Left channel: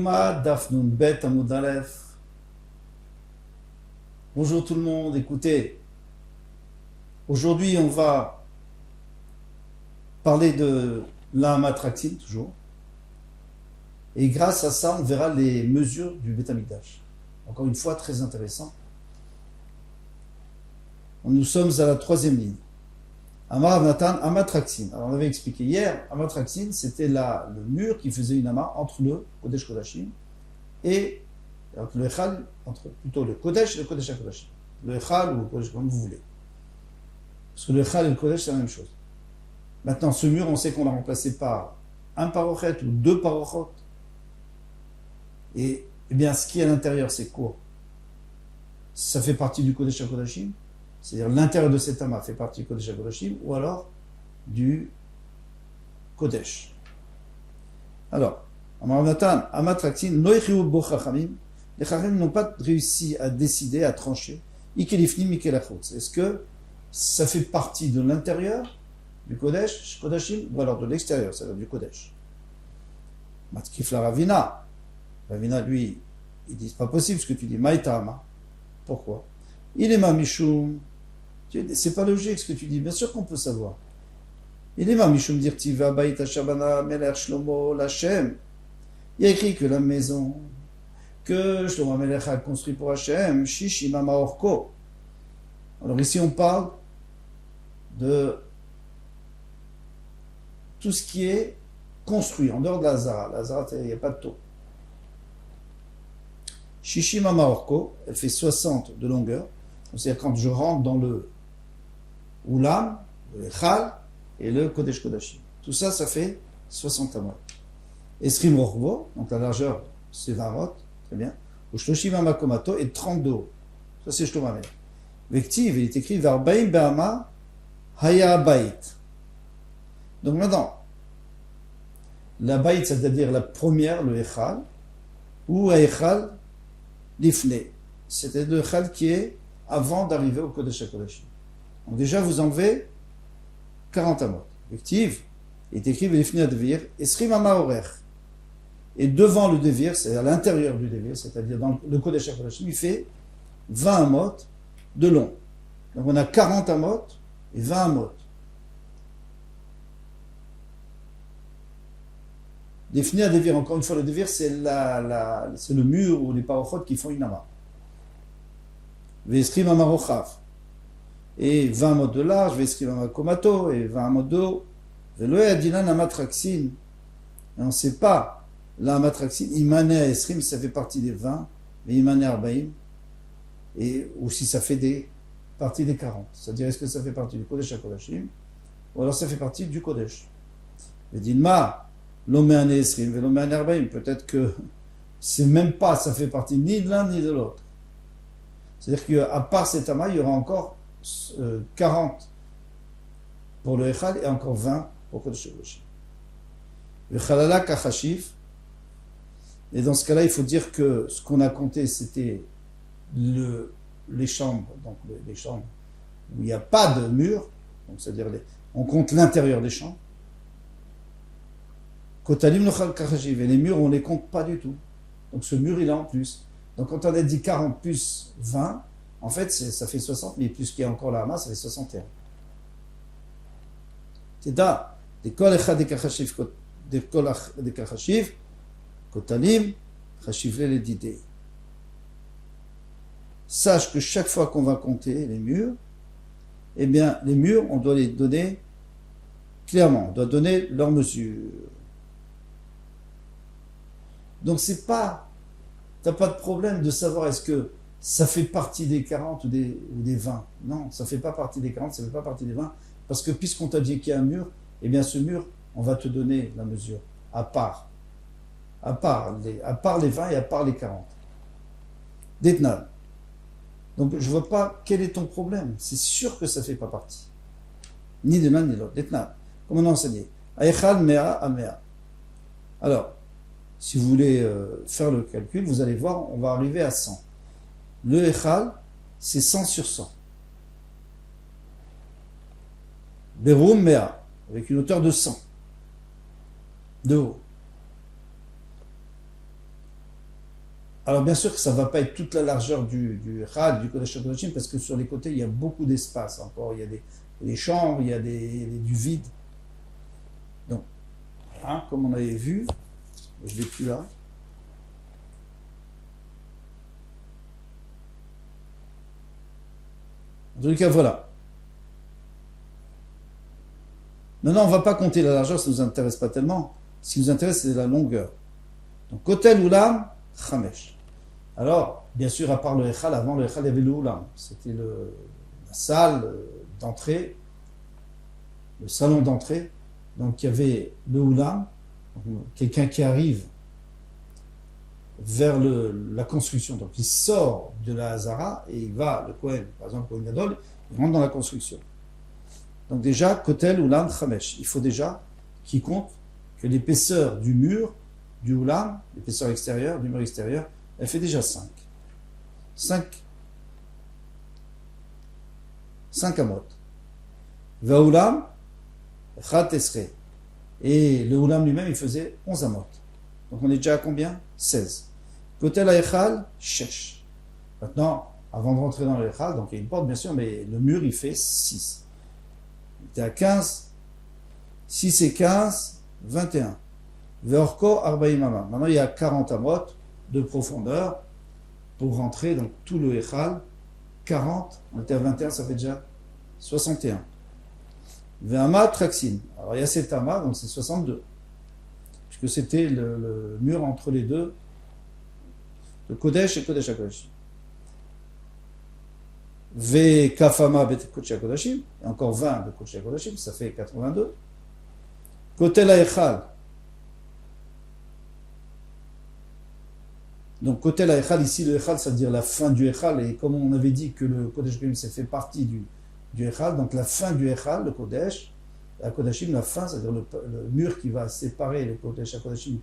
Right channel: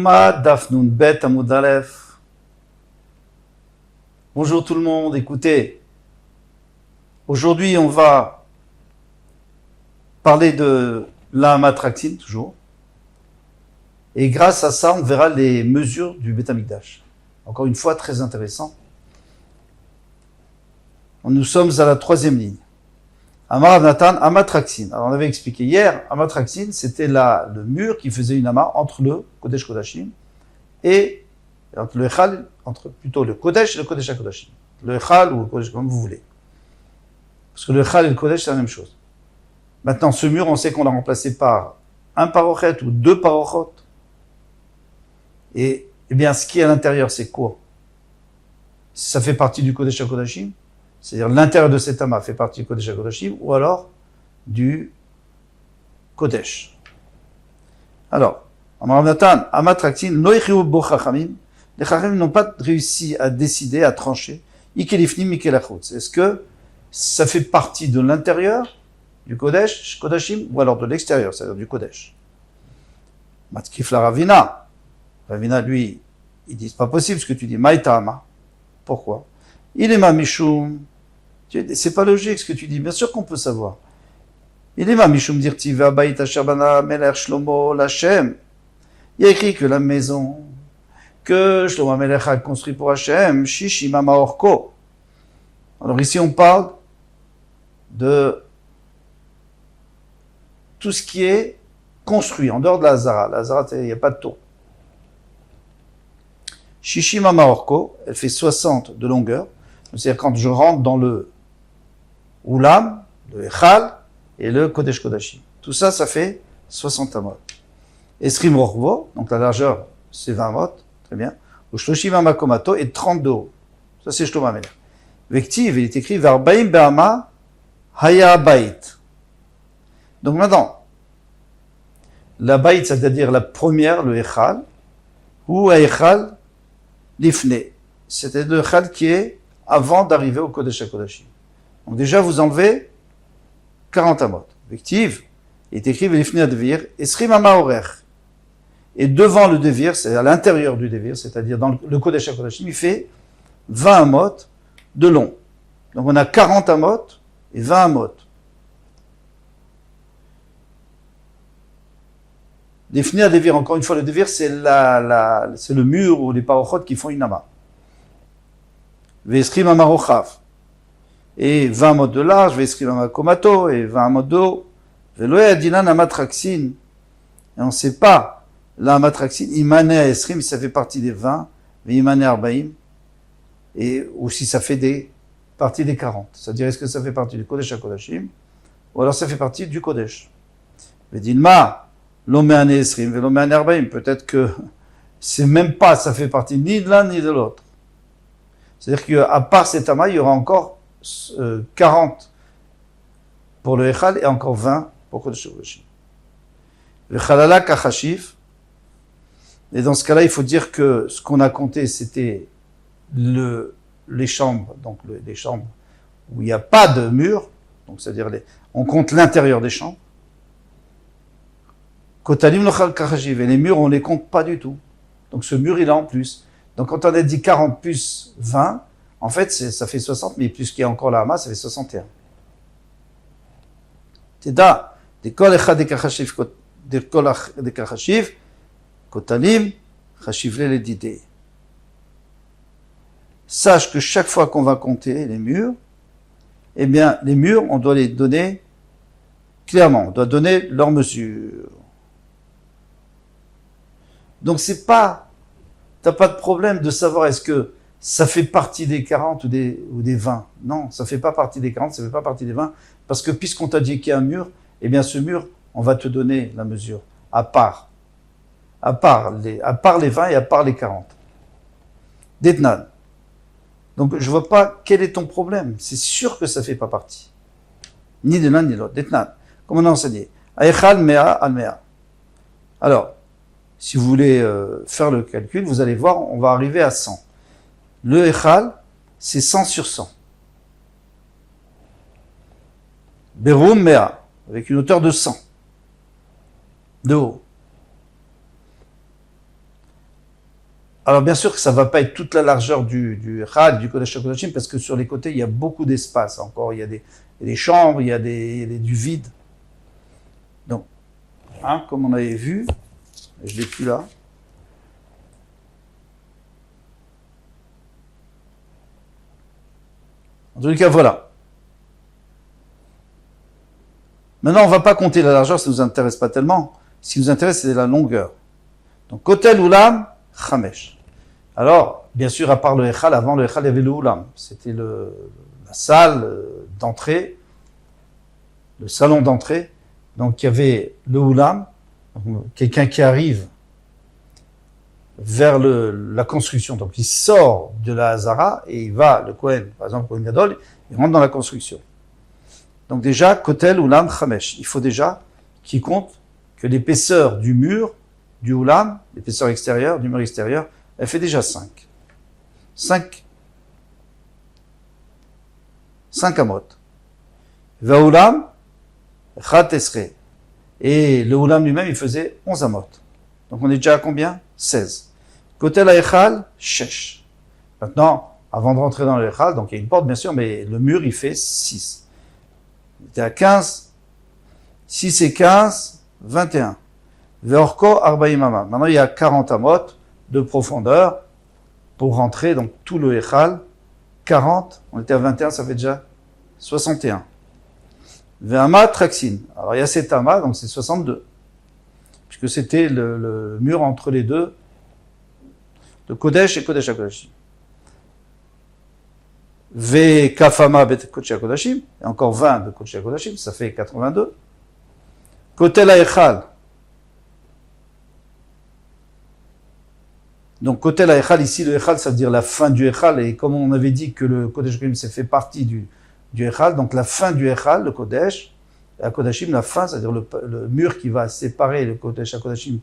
Yoma Daf Nun Bet Amud Aleph. Bonjour tout le monde, écoutez. Aujourd'hui, on va parler de l'Amatraxine, toujours. Et grâce à ça, on verra les mesures du Beth Amikdash. Encore une fois, très intéressant. Nous sommes à la troisième ligne. Amar Natan, Amatraxine. Alors on avait expliqué hier, Amatraxine, c'était le mur qui faisait une ama entre le Kodesh Kodashim et entre le Echal, plutôt le Kodesh et le Kodesh HaKodashim. Le Echal ou le Kodesh, comme vous voulez. Parce que le Echal et le Kodesh, c'est la même chose. Maintenant, ce mur, on sait qu'on l'a remplacé par un parochet ou deux parochot. Et bien, ce qui est à l'intérieur, c'est quoi? Ça fait partie du Kodesh HaKodashim. C'est-à-dire l'intérieur de cet amas fait partie du Kodesh HaKodashim ou alors du Kodesh. Alors, Amar Amatraxin, Noïchiou Bo Chachamim, les Chachamim n'ont pas réussi à décider, à trancher. Ikelifnim, Ikelachutz. Est-ce que ça fait partie de l'intérieur du Kodesh, Kodashim, ou alors de l'extérieur, c'est-à-dire du Kodesh? Matkif la Ravina. Ravina, lui, il dit c'est pas possible ce que tu dis. Maïtama. Pourquoi? Il est ma Mishum. C'est pas logique ce que tu dis. Bien sûr qu'on peut savoir. Il est ma Mishum dirtiv Abayit Asher Bana Melech Shlomo Lachem. Il y a écrit que la maison que Shlomo Melech a construit pour Hachem, Shishima Maorko. Alors ici on parle de tout ce qui est construit en dehors de la Hazara. La Hazara, il n'y a pas de tour. Shishima Maorko, elle fait 60 de longueur. C'est-à-dire quand je rentre dans le Oulam, le Echal et le Kodesh Kodashim. Tout ça, ça fait 60 amot. Esrim Rorvo, donc la largeur, c'est 20 amot, très bien. Ou Shloshim Amakomato et 30 de haut. Ça, c'est Shlomo Amelech. Vektiv, il est écrit Varbaim Be'ama Haya Bait. Donc maintenant, la Bait, c'est-à-dire la première, le Echal, ou Echal Lifne. C'est-à-dire le Echal qui est avant d'arriver au Kodesh HaKodashim. Donc déjà, vous enlevez 40 amot. Effective, il est écrit Velifne Advir, Esrim Amaorech. Et devant le Devir, c'est à l'intérieur du Devir, c'est-à-dire dans le Kodesh HaKodashim, il fait 20 amot de long. Donc on a 40 amot et 20 amot. Velifne Advir, encore une fois, le Devir, c'est le mur ou les parochot qui font une ama. Veskrim Amarochav. Et 20 mots de large, Veskrim Amakomato, et 20 mots de haut. Veloé Adinan Amatraxin. Et on ne sait pas, la Amatraxin, Imane Esrim, ça fait partie des 20, mais Imane Arbaim, et ou si ça fait partie des 40. C'est-à-dire, est-ce que ça fait partie du Kodesh HaKodashim, ou alors ça fait partie du Kodesh. Vedilma, Loméane Esrim, Veloméane Arbaim. Peut-être que c'est même pas, ça fait partie ni de l'un ni de l'autre. C'est-à-dire qu'à part cet amas, il y aura encore 40 pour le Echal et encore 20 pour Kodesh HaKodashim. Le Chalala Kachashif. Et dans ce cas-là, il faut dire que ce qu'on a compté, c'était les chambres, donc les chambres où il n'y a pas de mur, donc c'est-à-dire on compte l'intérieur des chambres. Kotalim Lochal Kachashif. Et les murs, on ne les compte pas du tout. Donc ce mur, il est en plus. Donc quand on a dit 40 plus 20, en fait, ça fait 60, mais plus qu'il y a encore la masse, ça fait 61. Teda, des kol echad de kachashiv, kotalim, chashivle les didé. Sache que chaque fois qu'on va compter les murs, eh bien, les murs, on doit les donner clairement, on doit donner leur mesure. Donc c'est pas, t'as pas de problème de savoir est-ce que ça fait partie des 40 ou des 20. Non, ça fait pas partie des 40, ça fait pas partie des 20, parce que puisqu'on t'a dit qu'il y a un mur, eh bien ce mur, on va te donner la mesure, à part les 20 et à part les 40. Detnan. Donc je vois pas quel est ton problème. C'est sûr que ça fait pas partie. Ni de l'un ni de l'autre. Detnan. Comme on a enseigné. Aechal mea al mea. Alors, si vous voulez faire le calcul, vous allez voir, on va arriver à 100. Le Echal, c'est 100 sur 100. Berum Mea, avec une hauteur de 100 de haut. Alors bien sûr que ça ne va pas être toute la largeur du Echal, du Kodesh HaKodashim, parce que sur les côtés, il y a beaucoup d'espace encore. Il y a des chambres, il y a du vide. Donc, comme on avait vu, je ne l'ai plus là. En tout cas, voilà. Maintenant, on ne va pas compter la largeur, ça ne nous intéresse pas tellement. Ce qui nous intéresse, c'est la longueur. Donc, Kotel Ulam, Chamesh. Alors, bien sûr, à part le Echal, avant le Echal, il y avait le Ulam. C'était la salle d'entrée, le salon d'entrée. Donc, il y avait le Ulam, quelqu'un qui arrive vers la construction. Donc, il sort de la Hazara et il va, le Kohen, par exemple, Kohen Gadol, il rentre dans la construction. Donc déjà, Kotel Ulam Chamesh. Il faut déjà qu'il compte que l'épaisseur du mur, du Ulam, l'épaisseur extérieure, du mur extérieur, elle fait déjà 5. 5 amot. Va Ulam, Chat Esre. Et le Ulam lui-même, il faisait 11 amot. Donc on est déjà à combien? 16. Kotel Echal, Shesh. Maintenant, avant de rentrer dans le Echal, donc il y a une porte bien sûr, mais le mur, il fait 6. Il était à 15, 6 et 15, 21. Veorko Arbaim Amam. Maintenant, il y a 40 amot de profondeur pour rentrer, donc tout le Echal. 40, on était à 21, ça fait déjà 61. Ve'ama Traksin. Alors, il y a 7 amas, donc c'est 62. Puisque c'était le mur entre les deux, de Kodesh et Kodesh HaKodashim. V Kafama Bet Kodesh HaKodashim, et encore 20 de Kodesh HaKodashim, ça fait 82. Kotel HaEchal. Donc Kotel HaEchal, ici le Echal, ça veut dire la fin du Echal, et comme on avait dit que le Kodesh HaKodashim, c'est fait partie du Echal, donc la fin du Echal, le Kodesh, et HaKodashim, la fin, c'est-à-dire le mur qui va séparer le Kodesh HaKodashim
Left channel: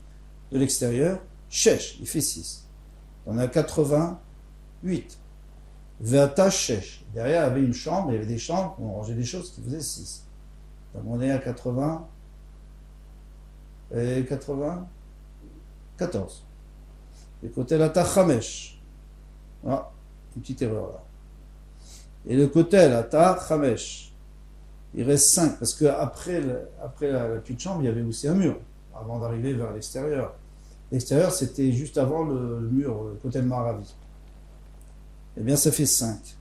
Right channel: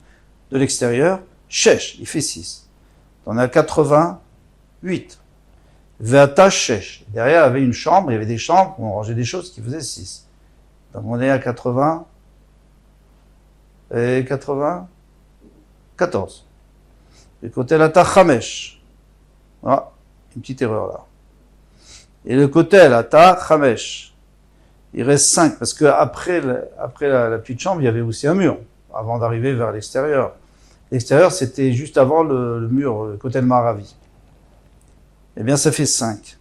de l'extérieur, Shesh, il fait 6. On est à 88. Ve'ata Shesh. Derrière, il y avait une chambre, il y avait des chambres où on rangeait des choses qui faisaient 6. Donc on est à 80 et 14. Et côté la Chamesh. Voilà, une petite erreur là. Et le côté la Chamesh. Il reste 5, parce qu'après la petite chambre, il y avait aussi un mur, avant d'arriver vers l'extérieur. L'extérieur, c'était juste avant le mur, le côté de Maravi. Eh bien, ça fait 5.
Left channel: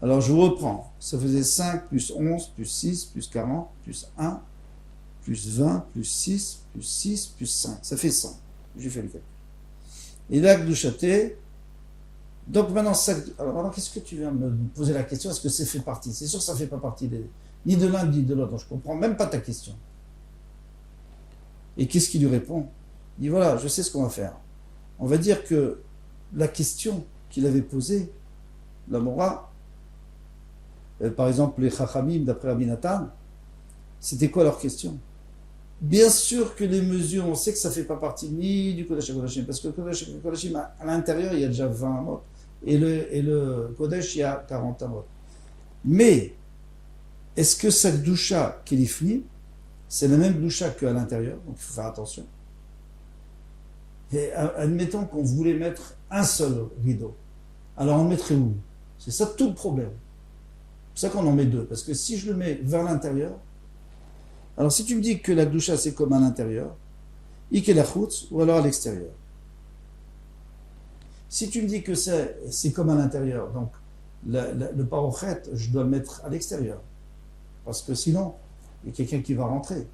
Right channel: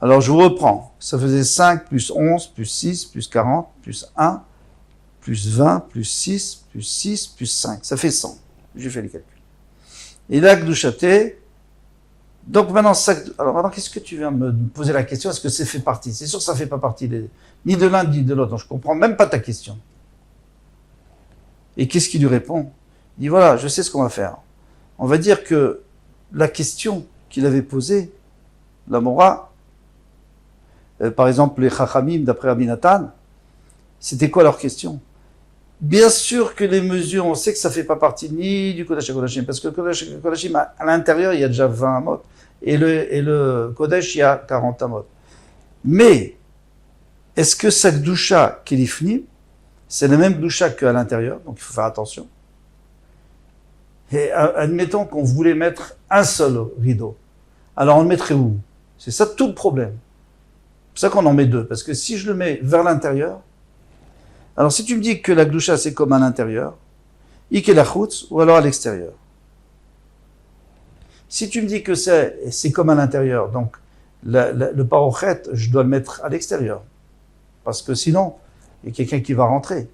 Alors, je vous reprends. Ça faisait 5 plus 11, plus 6, plus 40, plus 1, plus 20, plus 6, plus 6, plus 5. Ça fait 100. J'ai fait les calculs. Et là, Gdouchaté. Donc maintenant, qu'est-ce que tu viens me poser la question? Est-ce que c'est fait partie? C'est sûr que ça ne fait pas partie ni de l'un ni de l'autre. Donc, je ne comprends même pas ta question. Et qu'est-ce qu'il lui répond? Il dit, voilà, je sais ce qu'on va faire. On va dire que la question qu'il avait posée, la Mora, par exemple, les Chachamim, d'après Rabbi Nathan, c'était quoi leur question? Bien sûr que les mesures, on sait que ça ne fait pas partie ni du Kodesh HaKodashim, parce que le Kodesh HaKodashim, à l'intérieur, il y a déjà 20 amot, et le Kodesh, il y a 40 amot. Mais, est-ce que cette doucha qu'il ifni, c'est la même doucha qu'à l'intérieur, donc il faut faire attention. Et admettons qu'on voulait mettre un seul rideau. Alors on le mettrait où? C'est ça tout le problème. C'est pour ça qu'on en met 2, parce que si je le mets vers l'intérieur, alors si tu me dis que la gdoucha c'est comme à l'intérieur, ikelachutz, ou alors à l'extérieur. Si tu me dis que c'est comme à l'intérieur, donc le parochet, je dois le mettre à l'extérieur. Parce que sinon, il y a quelqu'un qui va rentrer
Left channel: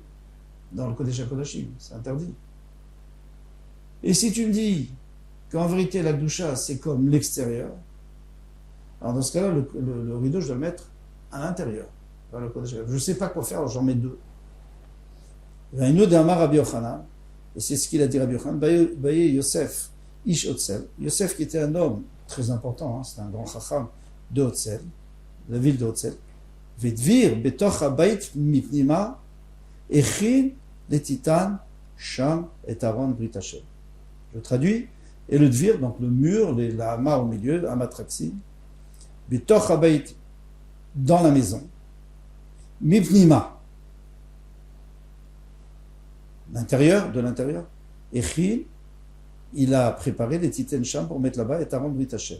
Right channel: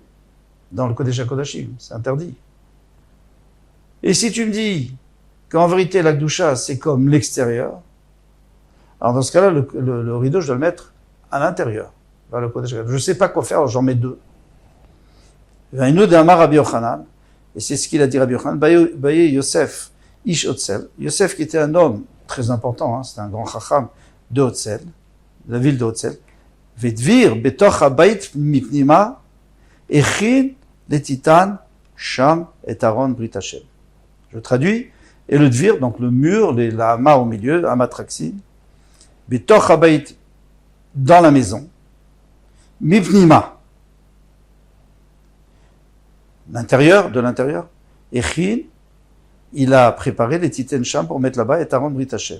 dans le Kodesh HaKodashim, c'est interdit. Et si tu me dis qu'en vérité la gdoucha c'est comme l'extérieur, alors dans ce cas-là, le rideau, je dois le mettre à l'intérieur. Je ne sais pas quoi faire, alors j'en mets 2. Il y a une autre d'Amar Rabbi Yochanan, et c'est ce qu'il a dit Rabbi Yochanan, Baye Yosef, Ish Otzel. Yosef qui était un homme très important, c'était un grand chacham de Otzel, de la ville de Otzel. Vedvir, betoch habayit mipnima, echin le titan, sham et Aaron Brit Hashem. Je traduis, et le dvir, donc le mur, la hama au milieu, hama traxin, betoch habayit, dans la maison, mipnima, de l'intérieur, echin, il a préparé les Titen Sham pour mettre là-bas et Aaron Brit Hashem.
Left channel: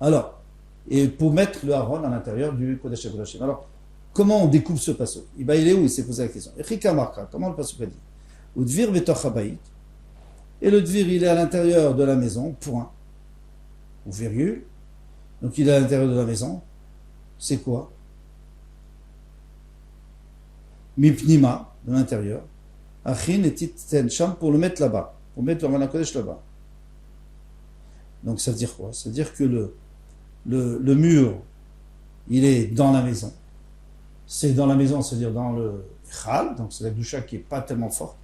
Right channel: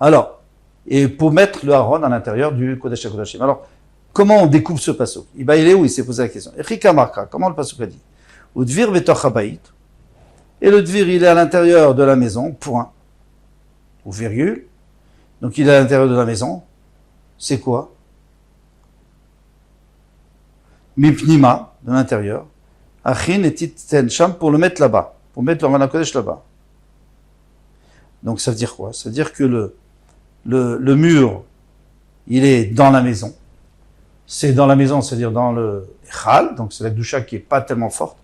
Alors, et pour mettre le Aaron à l'intérieur du Kodesh HaKodashim. Alors, comment on découpe ce passouk? Il est où? Il s'est posé la question. Echika Marka, comment le passouk a dit? Udvir betoch habayit. Et le dvir, il est à l'intérieur de la maison, point. Ou virgule. Donc il est à l'intérieur de la maison. C'est quoi? Mipnima, de l'intérieur. Achin et titen sham, pour le mettre là-bas. Pour mettre le Aaron HaKodesh là-bas. Donc ça veut dire quoi? Ça veut dire que le mur, il est dans la maison. C'est dans la maison, c'est-à-dire dans le Echal, donc c'est la doucha qui n'est pas tellement forte.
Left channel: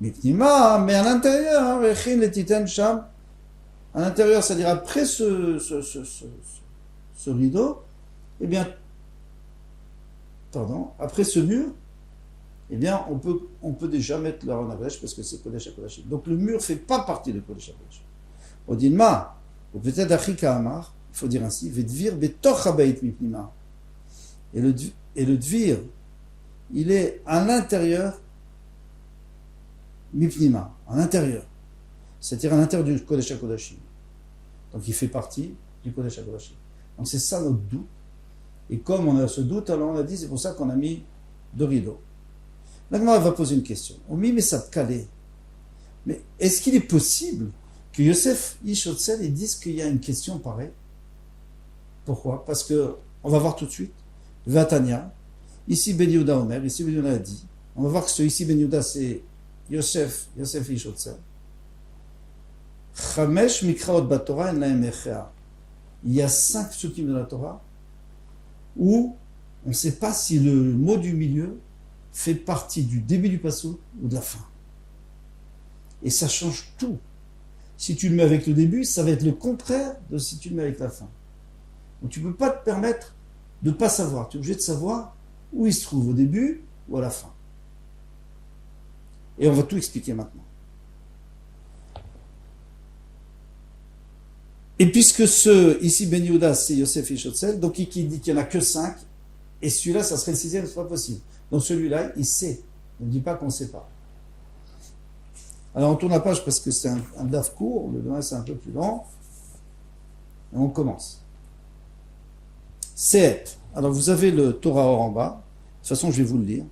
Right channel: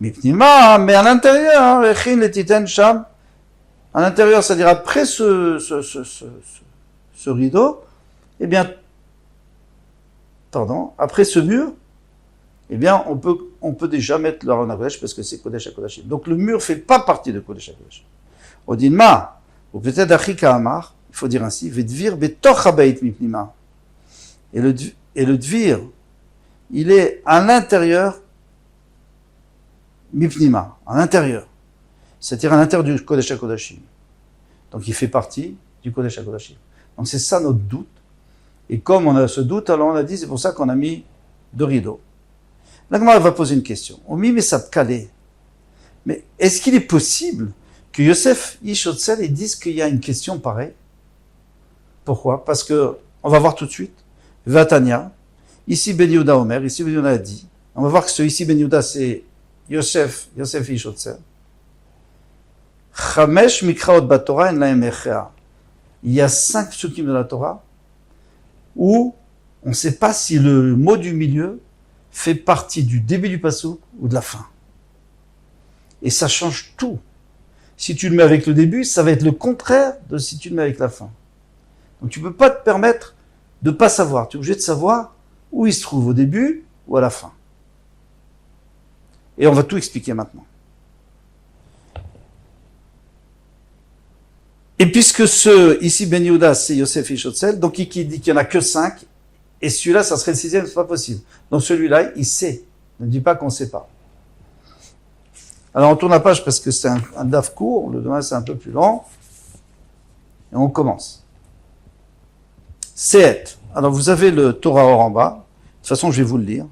Mais à l'intérieur, à l'intérieur, c'est-à-dire après ce rideau, eh bien, après ce mur, eh bien, on peut déjà mettre le Aaron HaKodesh parce que c'est Kodesh HaKodashim. Donc le mur ne fait pas partie de Kodesh HaKodashim. On dit ou peut-être Achika Amar, il faut dire ainsi, Vedvir betoch habayit mipnima. Et le dvir, il est à l'intérieur, mipnima, à l'intérieur. C'est-à-dire à l'intérieur du Kodesh HaKodashim. Donc il fait partie du Kodesh HaKodashim. Donc c'est ça notre doute. Et comme on a ce doute, alors on a dit, c'est pour ça qu'on a mis deux rideaux. La Gemara va poser une question. On met Mesapkale. Mais est-ce qu'il est possible que Yosef Ishotzel ils disent qu'il y a une question pareille? Pourquoi? Parce que, on va voir tout de suite, Vatania, ici Ben Yehuda Omer, ici Ben Yehuda a dit, on va voir que ce ici Ben Yehuda c'est Yosef Ishotzel. Chamesh Mikraot Batorah en lahem echea. Il y a 5 psukim de la Torah où on ne sait pas si le mot du milieu fait partie du début du passouk ou de la fin. Et ça change tout. Si tu le mets avec le début, ça va être le contraire de si tu le mets avec la fin. Donc tu ne peux pas te permettre de ne pas savoir. Tu es obligé de savoir où il se trouve, au début ou à la fin. Et on va tout expliquer maintenant. Et puisque ici Ben Yehuda, c'est Yosef Ishotzel, donc il dit qu'il n'y en a que 5, et celui-là, ça serait le 6e, c'est pas possible. Donc celui-là, il sait. Ne dis pas qu'on ne sait pas. Alors on tourne la page parce que c'est un daf court, le demain c'est un peu plus long. Et on commence. Sehet. Alors vous avez le Torah Or en bas. De toute façon, je vais vous le lire.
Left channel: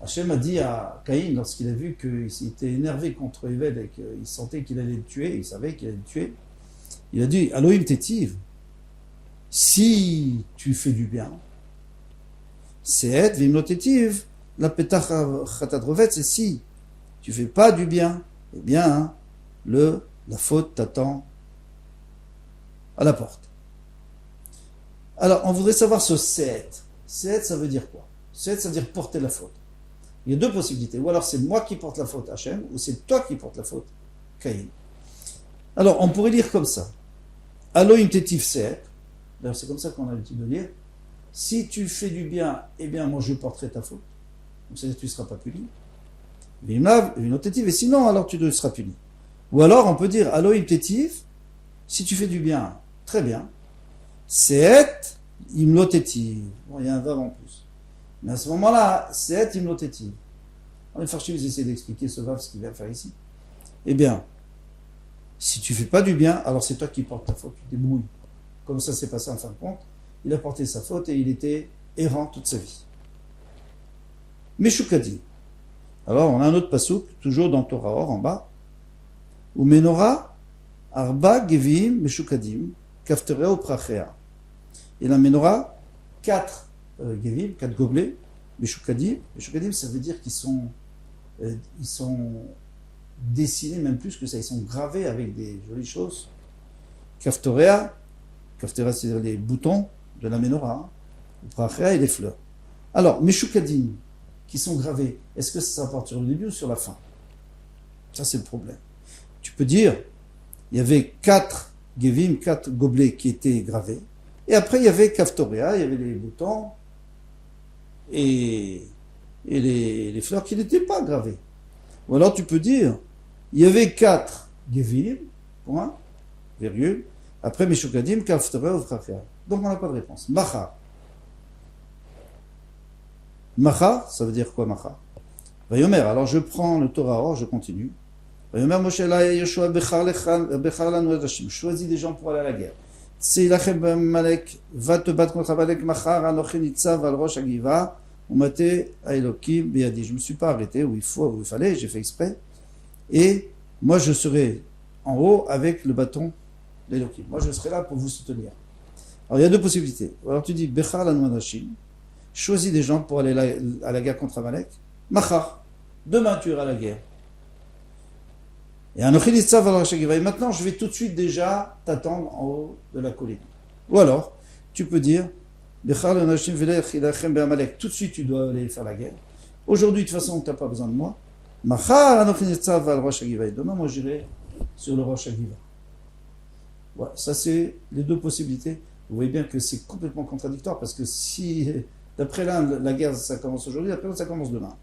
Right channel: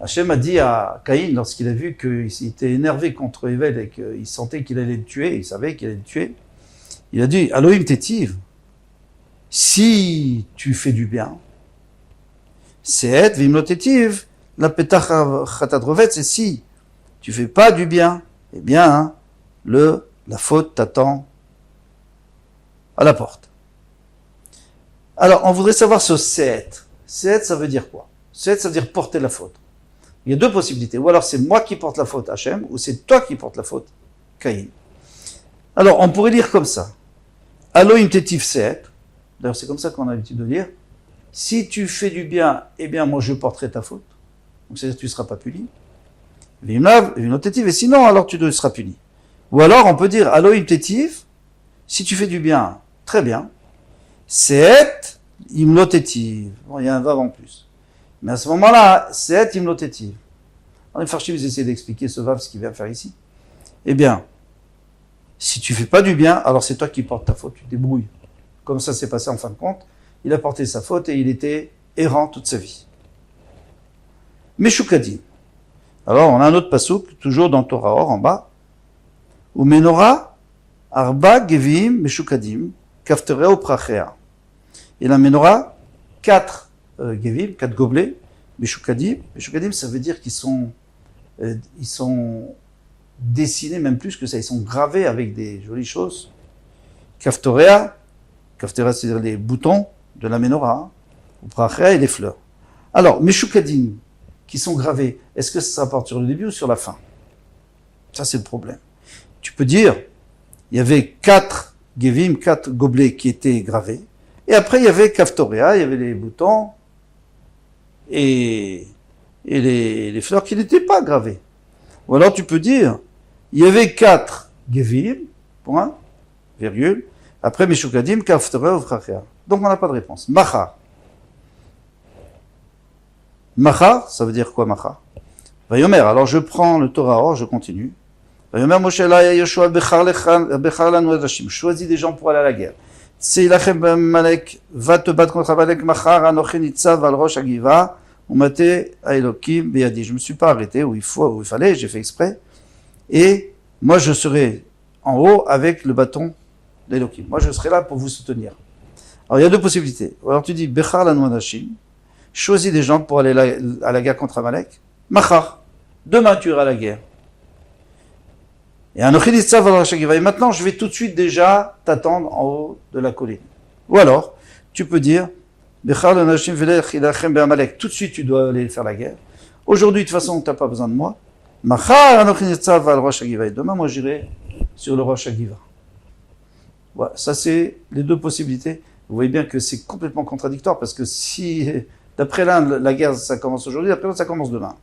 Hachem a dit à Caïn, lorsqu'il a vu qu'il était énervé contre Evel et qu'il sentait qu'il allait le tuer, il savait qu'il allait le tuer, il a dit, Elohim Tetiv, si tu fais du bien, Sehet, Vimlo Tetiv, la Petach Chatadrovet, c'est si tu fais pas du bien, eh bien, la faute t'attend à la porte. Alors, on voudrait savoir ce Sehet. Sehet, ça veut dire quoi? Sehet, ça veut dire porter la faute. Il y a deux possibilités. Ou alors c'est moi qui porte la faute, Hachem, ou c'est toi qui porte la faute, Caïn. Alors, on pourrait lire comme ça. Elohim Tetiv Sehet. D'ailleurs, c'est comme ça qu'on a l'habitude de lire. Si tu fais du bien, eh bien, moi, je porterai ta faute. Donc, c'est-à-dire que tu ne seras pas puni. Et sinon, alors tu seras puni. Ou alors, on peut dire, Elohim Tetiv, si tu fais du bien, très bien. Sehet Imlo Tetiv. Bon, il y a un vav en plus. Mais à ce moment-là, Sehet Imlo Tetiv. Alors, les Farshim, ils essaient d'expliquer ce vav, ce qu'il vient faire ici. Eh bien, si tu fais pas du bien, alors c'est toi qui portes ta faute. Tu te débrouilles. Comme ça s'est passé en fin de compte. Il a porté sa faute et il était errant toute sa vie. Meshukadim. Alors, on a un autre pasouk, toujours dans Torah Or, en bas. Ou Menorah, Arba Gevim Meshukadim, Kaftereo Prachea. Et la Menorah, 4 Gevim, 4 gobelets, Meshukadim. Meshukadim, ça veut dire qu'ils sont dessinés, même plus que ça, ils sont gravés avec des jolies choses. Kaftorea, c'est-à-dire les boutons de la Menorah, ou Prachea et les fleurs. Alors, Meshukadim, qui sont gravés, est-ce que ça porte sur le début ou sur la fin? Ça, c'est le problème. Tu peux dire, il y avait 4 Gevim, 4 gobelets qui étaient gravés, et après, il y avait Kaftorea, il y avait les boutons, et les fleurs qui n'étaient pas gravées. Ou alors, tu peux dire, il y avait 4 Gevim, point, virgule, après Meshukadim, Kaftorea, Vrachea. Donc, on n'a pas de réponse. Machar. Machar, ça veut dire quoi, Machar? Vayomer, alors je prends le Torah Or, je continue. ויאמר משה אלי יהושע בחר לנו אנשים, choisis des gens pour aller à la guerre. צא לכם בעמלק, va te battre contre Amalek מחר, אנוכי ניצב על ראש הגבעה, ומטה האלוקים בידי. Je me suis pas arrêté où il fallait, j'ai fait exprès, et moi je serai en haut avec le bâton d'Elohim. Moi je serai là pour vous soutenir. Alors il y a deux possibilités. Alors tu dis, Bechar lanu anashim, choisis des gens pour aller à la guerre contre Amalek. Machar, demain tu iras à la guerre. Et maintenant je vais tout de suite déjà t'attendre en haut de la colline. Ou alors, tu peux dire, Bechar lanu anashim velech ilachem be'Amalek. Tout de suite tu dois aller faire la guerre. Aujourd'hui de toute façon tu n'as pas besoin de moi. Machar anochi nitzav al rosh hagiva. Demain moi j'irai sur le rosh hagiva. Voilà, ça c'est les deux possibilités. Vous voyez bien que c'est complètement contradictoire parce que si, d'après l'un, la guerre ça commence aujourd'hui, d'après l'autre ça commence demain.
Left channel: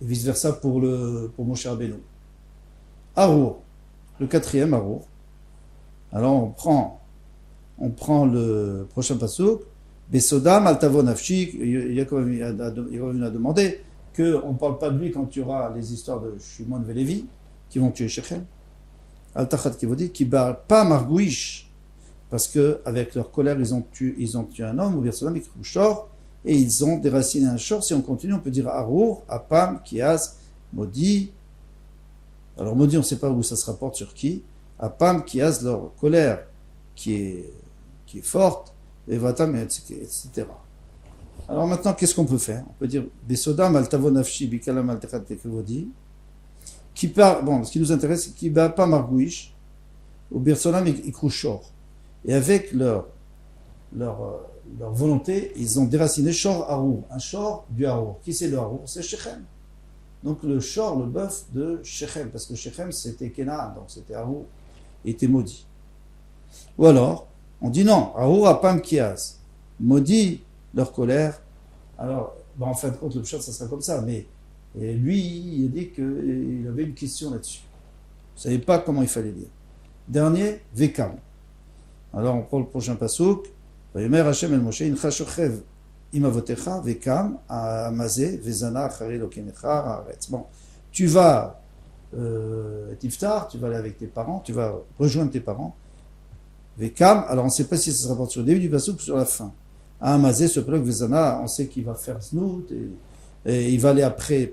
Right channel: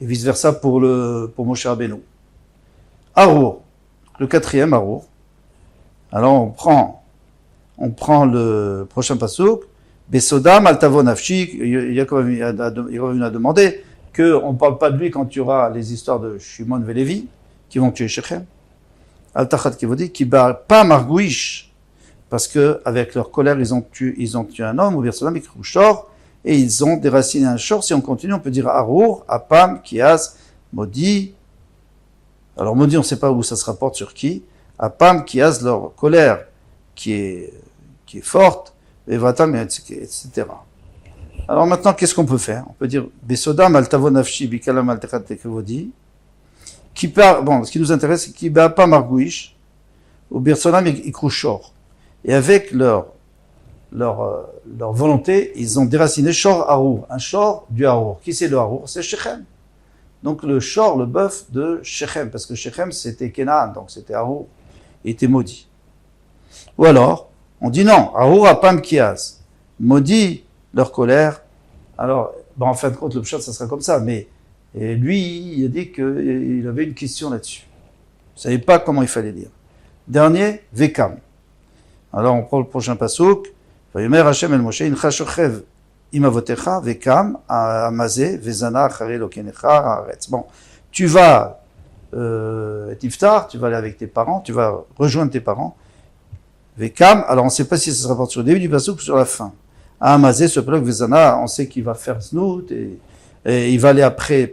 Et vice versa pour Moshe Rabbeinu. Arour, le quatrième Arour. Alors on prend le prochain pasuk. Besodam altavo nafshi. Yaakov a demandé qu'on ne parle pas de lui quand il y aura les histoires de Shimon et Lévi qui vont tuer Shechem. Al-Tachat qui vous dit qui bat pas Margouish parce que avec leur colère ils ont tué un homme ou Birsalam Shor et ils ont déraciné un Shor. Si on continue on peut dire Arour, Apam, Kiaz, Maudit. Alors Maudit on ne sait pas où ça se rapporte sur qui. Apam, Kiaz, leur colère qui est forte et Vatam etc. Alors maintenant qu'est-ce qu'on peut faire? On peut dire Besodam Altavo Nafshi Bikalam Al-Tachat que vous dit. Bon, ce qui nous intéresse, c'est qu'ils ne battent pas Margouish, ou Birsolam et Ikrouchor. Et avec leur volonté, ils ont déraciné Shor Harour, un Shor du Harour. Qui c'est le Harour? C'est Shechem. Donc le Shor, le bœuf de Shechem, parce que Shechem c'était Kenaan, donc c'était Harour, il était maudit. Ou alors, on dit non, Harour Apam Kiaz, maudit leur colère. Alors, bon, en fin de compte, le pshat, ça sera comme ça, mais. Et lui, il a dit qu'il avait une question là-dessus. Il ne savait pas comment il fallait dire. Dernier, Vekam. Alors on prend le prochain pasuk. Vayomer Hashem el Moshe, incha shochev imavotecha, Vekam, amazé, vezana, achare lokenecha, haaretz. Bon, tu vas Tiftar, tu vas aller avec tes parents, tu vas rejoindre tes parents. Vekam, alors on ne sait pas si ça se rapporte sur le début du pasuk ou sur la fin. Amazé, ce bloc, vezana, on sait qu'il va faire snout et il va aller après,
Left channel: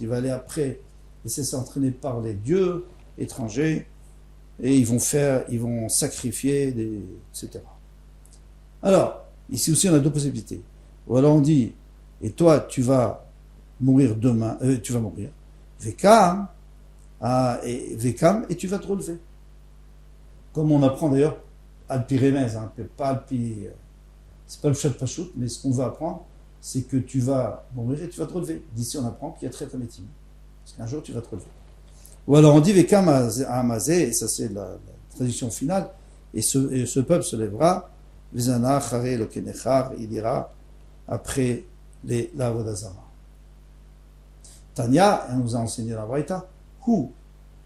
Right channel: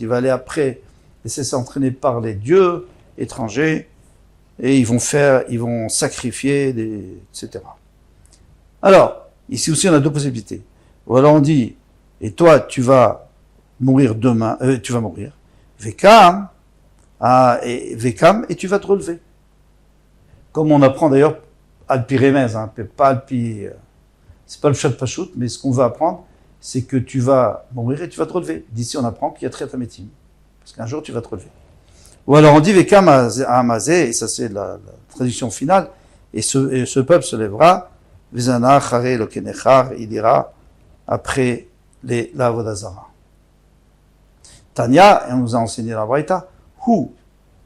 il va aller après laisser s'entraîner par les dieux étrangers et ils vont sacrifier, etc. Alors, ici aussi on a deux possibilités. Ou alors on dit, et toi tu vas mourir demain, tu vas mourir, Vekam, et tu vas te relever. Comme on apprend d'ailleurs Alpi Remez, pas Alpi, c'est pas le Pshat Pashut, mais ce qu'on va apprendre, c'est que tu vas mourir et tu vas te relever. D'ici, on apprend qu'il y a Triat HaMetim. Parce qu'un jour, tu vas te relever. Ou alors, on dit Vekam Amazé, et ça, c'est la traduction finale, et ce peuple se lèvera, Vezana, Chare, Lokenechar, il ira après la Avodazara. Tanya, et on nous a enseigné la Braïta, Hu,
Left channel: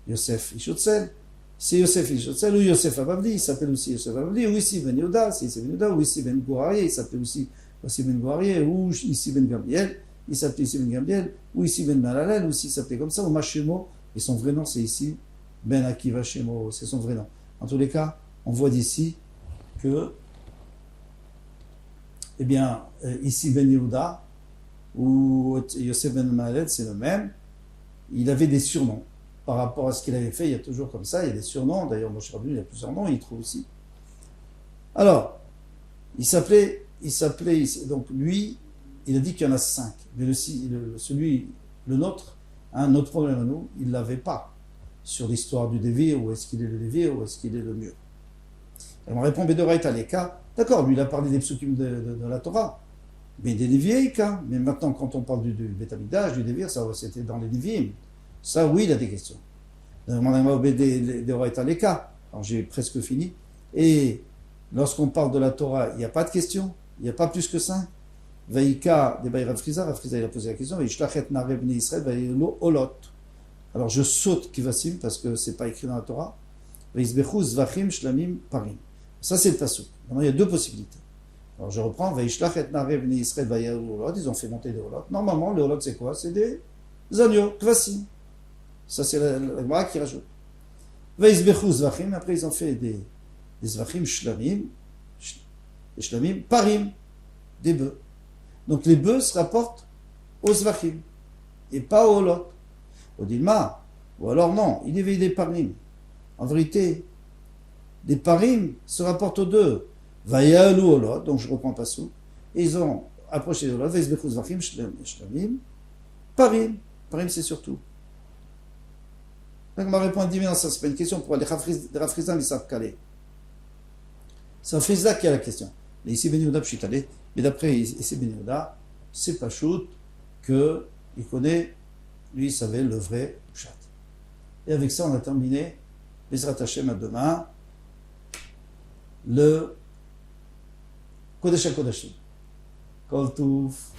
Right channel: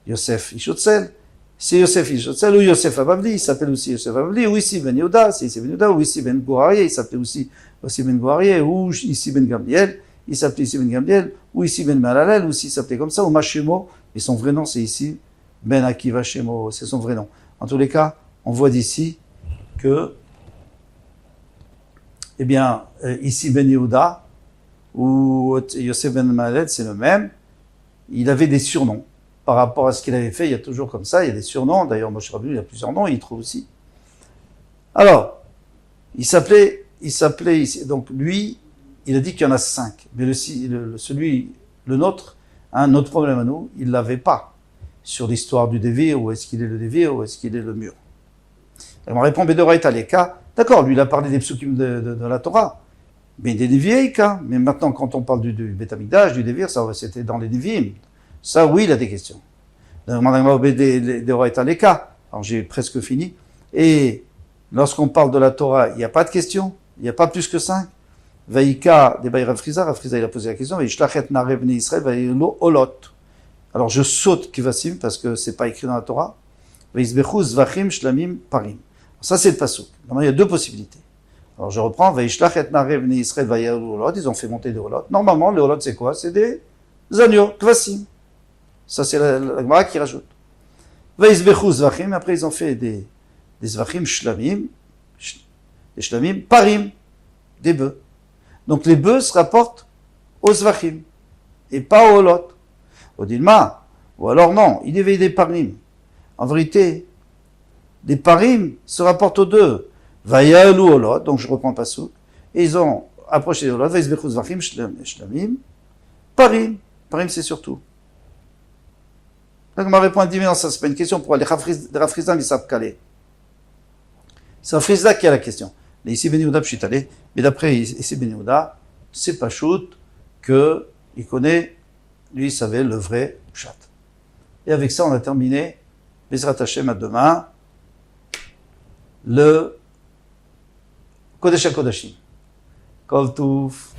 Yosef Ishotzel, c'est Yosef Ishotzel ou Yosef Abavli, il s'appelle aussi Yosef Abavli, ou ici Ben Yehuda, c'est ici Ben Yehuda, ou ici Ben Gourarié, il s'appelait aussi Ben Gourarié, ou ici Ben Gamliel, il s'appelait ici Ben Gamliel, ou ici Ben Malalel, ou ici il s'appelait comme ça, ou Mashemo, et son vrai nom c'est ici Ben Akiva Shemo, c'est son vrai nom. En tous les cas, on voit d'ici que, eh bien, ici Ben Yehuda, ou Yosef Ben Malalel, c'est le même, il avait des surnoms. Par rapport à ce qu'il avait fait, il y a toujours comme ça, il y a des surnoms, d'ailleurs Moshe Rabbeinu, il a plusieurs noms, il trouve aussi. Alors, il s'appelait, donc lui, il a dit qu'il y en a 5, mais le nôtre, notre problème à nous, il ne l'avait pas sur l'histoire du Dévir, où est-ce qu'il est le Dévir, où est-ce qu'il est le mur. Et on répond Bedoraita Leka, d'accord, lui il a parlé des psukim de la Torah, mais des Nevi'im, mais maintenant quand on parle du Beth Amikdash, du Dévir, ça c'était dans les Nevi'im. Ça, oui, il a des questions. Alors, j'ai presque fini. Et lorsqu'on parle de la Torah, il n'y a pas de questions. Il n'y a pas plus que 5. Vaïka, Rav Friza, il a posé la question. Alors, je saute Kivassim parce que ce n'est pas écrit dans la Torah. Ça, c'est le pasuk. Maintenant, il y a deux possibilités. Alors, je reprends. Ils ont fait monter des olot. Normalement, les olot, c'est quoi? C'est des agneaux, Kivassim. Ça, c'est la Gemara qui rajoute. Vaizbechu zvachim, après ils ont fait des zvachim shlamim, des shlamim, parim, des bœufs. Donc les bœufs se rapportent aux zvachim, et pas aux olot. Au dilma, ou alors non, il éveille des parim. En vérité, les parim se rapportent aux deux. Vayalu olot, donc je reprends pas souk, et ils ont approché les olot, vaizbechu zvachim, shlamim, parim. Parim, c'est surtout. Donc, on m'a répondu, mais non, ça, c'est pas une question pour les Rafrizam, ils savent caler. C'est Rafrizda qui a la question. Mais ici, Ben Yehuda, je suis allé. Mais d'après ici, Ben Yehuda, c'est pas Shout qu'il connaît, lui, il savait le vrai Pshat. Et avec ça, on a terminé, Bezrat Hashem à demain, le Kodesh HaKodashim. Kol Touf.